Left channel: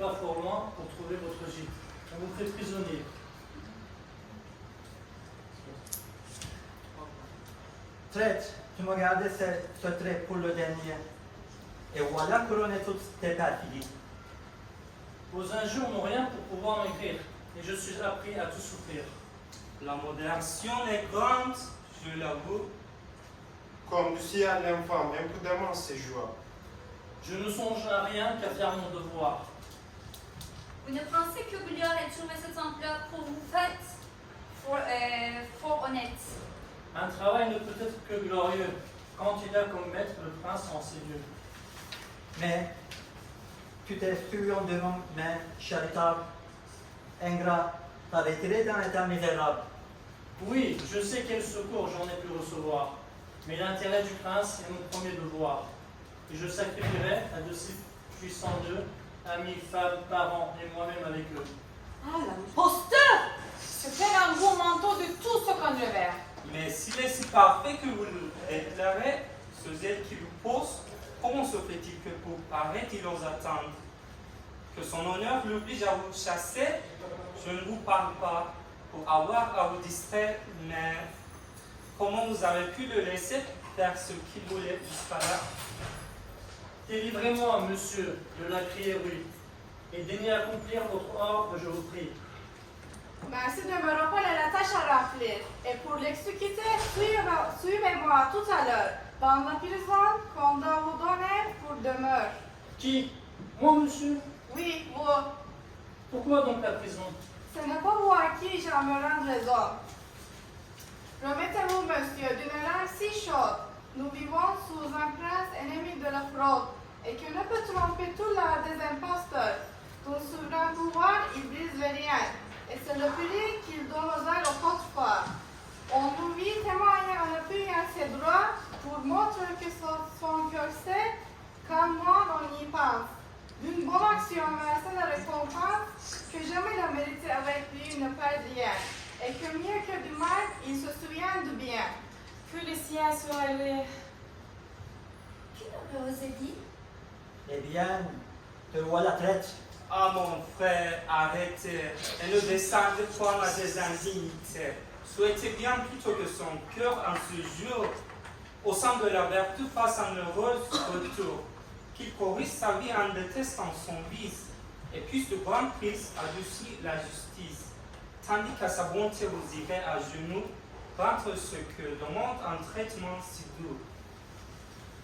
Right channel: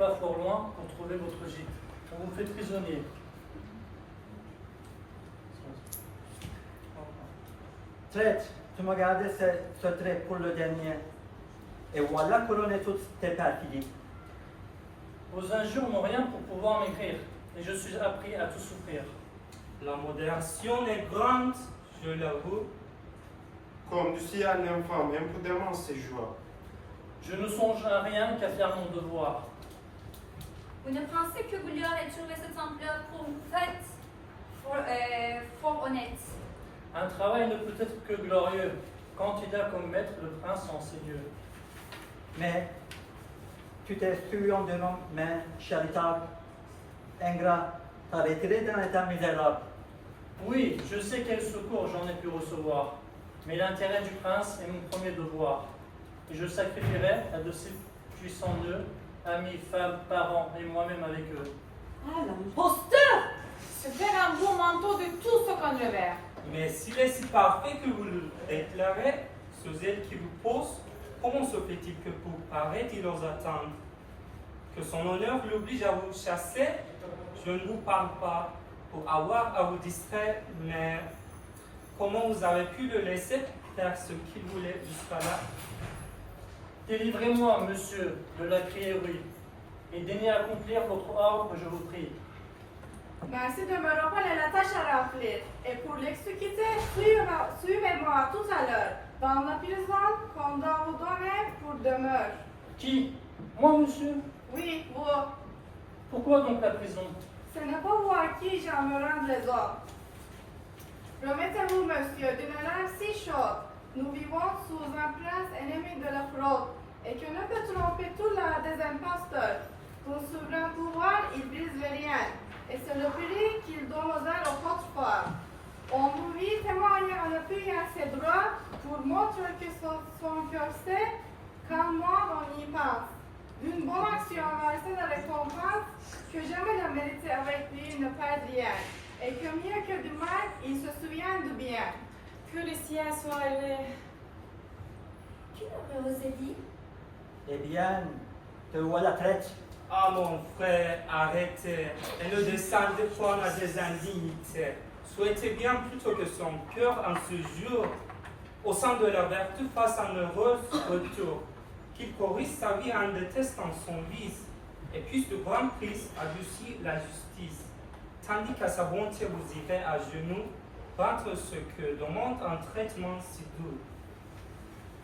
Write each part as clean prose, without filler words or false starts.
pas fort loin pour trouver votre gîte. On vous fait prisonnier. Traître, tu m'as gardé ce trait pour le dernier. Et voilà couronné toutes tes perfidies. Vos injures n'ont rien pour pouvoir m'écrire, et je suis appris à tout souffrir. La modération est grande, je l'avoue. Conduisit à l'infâme imprudemment ses joies. Je ne songe à rien qu'à faire mon devoir. Vous ne pensez que vous lui aurez trouvé cet emploi pour vous faites fort honnête. Un travail ne peut être que glorieux, quand il a comme maître le prince en ces lieux. Mais tu t'es su en devant main charitable, ingrat, t'as retiré d'un état misérable. Oui, je sais quel secours j'en ai pu recevoir, mais l'intérêt du prince est mon premier devoir. Et je sacrifierai à de si puissants nœuds, amis, femmes, parents et moi-même avec eux. Ah, l'imposteur! Se faire un beau manteau de tout ce qu'on devait. Mais s'il est si parfait que vous le déclarez, ce zèle qui vous pose, comment se fait-il que pour paraître il ose attendre? Que son honneur l'oblige à vous chasser? Je ne vous parle pas pour avoir à vous distraire, mais comment vous avez pu le laisser faire ce qu'il voulait jusqu'à là? Délivrez-moi, monsieur, de la criérie, et daignez accomplir votre ordre, je vous prie. Merci de me rappeler la tâche à remplir. Et pour l'exécuter, suivez-moi tout à l'heure, dans la prison qu'on doit vous donner pour demeure. Qui? Moi, monsieur? Oui, vous. Pourquoi donc la prison? Ce n'est pas vous à qui j'en me rends les ordres. Remettez-vous, monsieur, d'une langue si chaude. Nous vivons sous un prince ennemi de la fraude, et qui ne peut tromper tout l'art des imposteurs. Ton souverain pouvoir, il brise les riens, et c'est le prix qu'il donne aux ailes au porte-fort. On nous vit témoigner en appuyant ses droits pour montrer que son cœur sait, quand moi on y pense. D'une bonne action versée de récompense, que jamais la vérité avec lui ne perd rien, et que mieux que du mal, il se souvient du bien. Que le ciel soit élevé. Qui l'aurait osé dire? Eh bien, te voilà traître. Ah mon frère, arrêtez et ne descendez point à des indignités. Souhaitez bien plutôt que son cœur en ce jour, au sein de la vertu, fasse un heureux retour, qu'il corrige sa vie en détestant son vice, et puisse de grand Christ adoucir la justice, tandis qu'à sa bonté vous irez à genoux, rendre ce que demande un traitement si doux.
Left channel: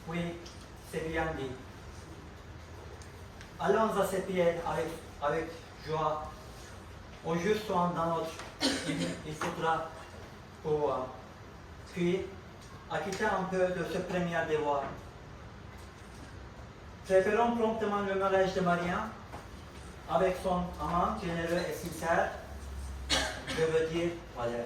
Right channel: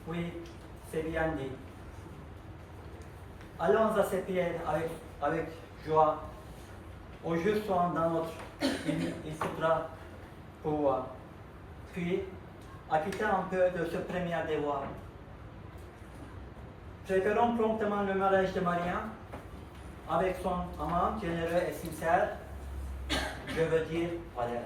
Oui, c'est bien dit. Allons à ses pieds avec joie. Au juste soin dans notre il faudra pouvoir. Puis, acquitter un peu de ce premier devoir. Préparons promptement le mariage de Maria avec son amant généreux et sincère. Je veux dire, Valère.